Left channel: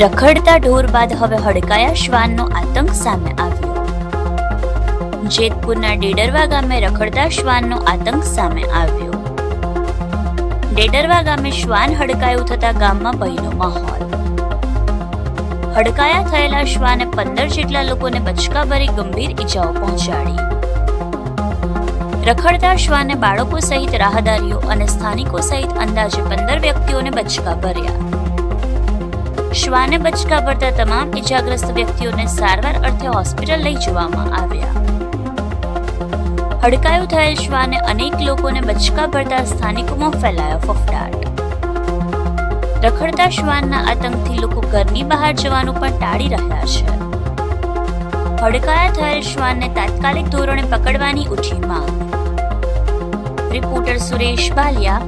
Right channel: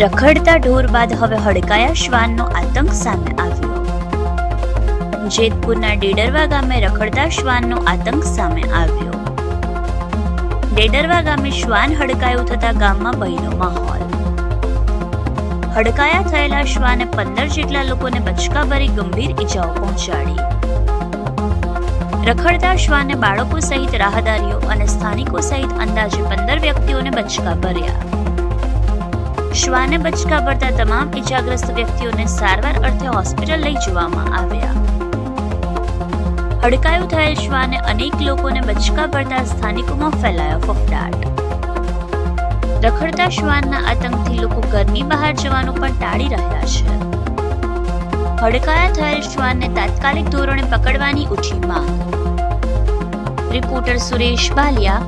રખડતા ઢોર બાદ હવે હડકાયા શ્વાનનો આતંક સામે આવ્યો. જેતપુરના ડેડરવા ગામે રખડતા શ્વાનનો આતંક સામે આવ્યો. ડેડરવા ગામે શ્વાન હડકાયું થતા ગામમાં ભયનો માહોલ. હડકાયા થયેલા શ્વાને પંદર જેટલા લોકોને બચકાભરી ગંભીર ઈજાઓ પહોંચાડી. રખડતા શ્વાને બાળકો સહિત રાહદારીઓ અને સ્થાનિકો સહિત અંદાજે પંદર વ્યક્તિઓને બચકા ભર્યા શ્વાને બચકા પડતા તમામ ઇજાગ્રસ્ત વ્યક્તિઓને સારવાર અર્થે હોસ્પિટલ લઈ જવામાં આવ્યા. હડકાયું થયેલ શ્વાને અનેક લોકોને બચકા પડતા સ્થાનિકોમાં ફેલાયો ફફડાટ. રખડતા શ્વાનના આતંકથી લોકો ઘરની બહાર જવાનું પણ ટાળી રહ્યા છે. હડકાયા થયેલ શ્વાનને તાત્કાલિક ધોરણે પકડવાની ઉઠી માંગ. Reporter Suresh Baliya,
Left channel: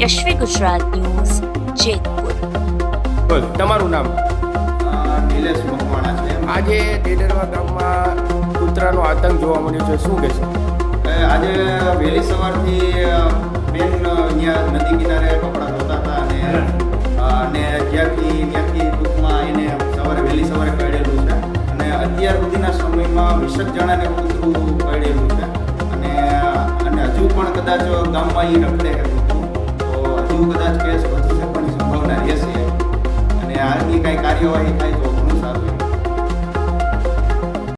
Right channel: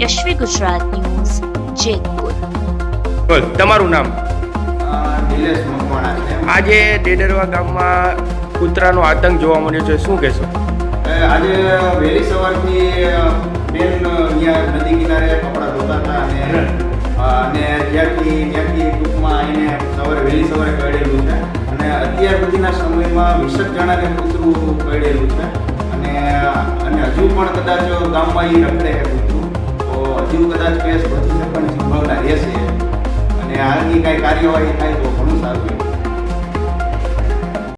Yashvi Gujarat news, Jetpur. બોલ તમારું નામ? નિલેશ મકવાણા છે. આજે ડેડરવા ગામમાં કૂતરાનો આતંક જોવા મળ્યો છે શું કહેશો? આજે વહેલી સવારથી બેન અહીંયા નદી કિનારે કપડાં ધોતા હતા અને અને જ્યારથી ત્યાંથી ટૂંકમાં આવીને સવારે વહેલી સવારે કળેલું છે. અને અત્યાર સુધીના સમયમાં વીસક જણાને કૂતરું કળેલું છે. અને અને હજુ પણ કદાચ ગામમાં એ રખડે છે કૂતરું. તો હજુ કદાચ કેસ વધુ છે સંભાવના なりを得たい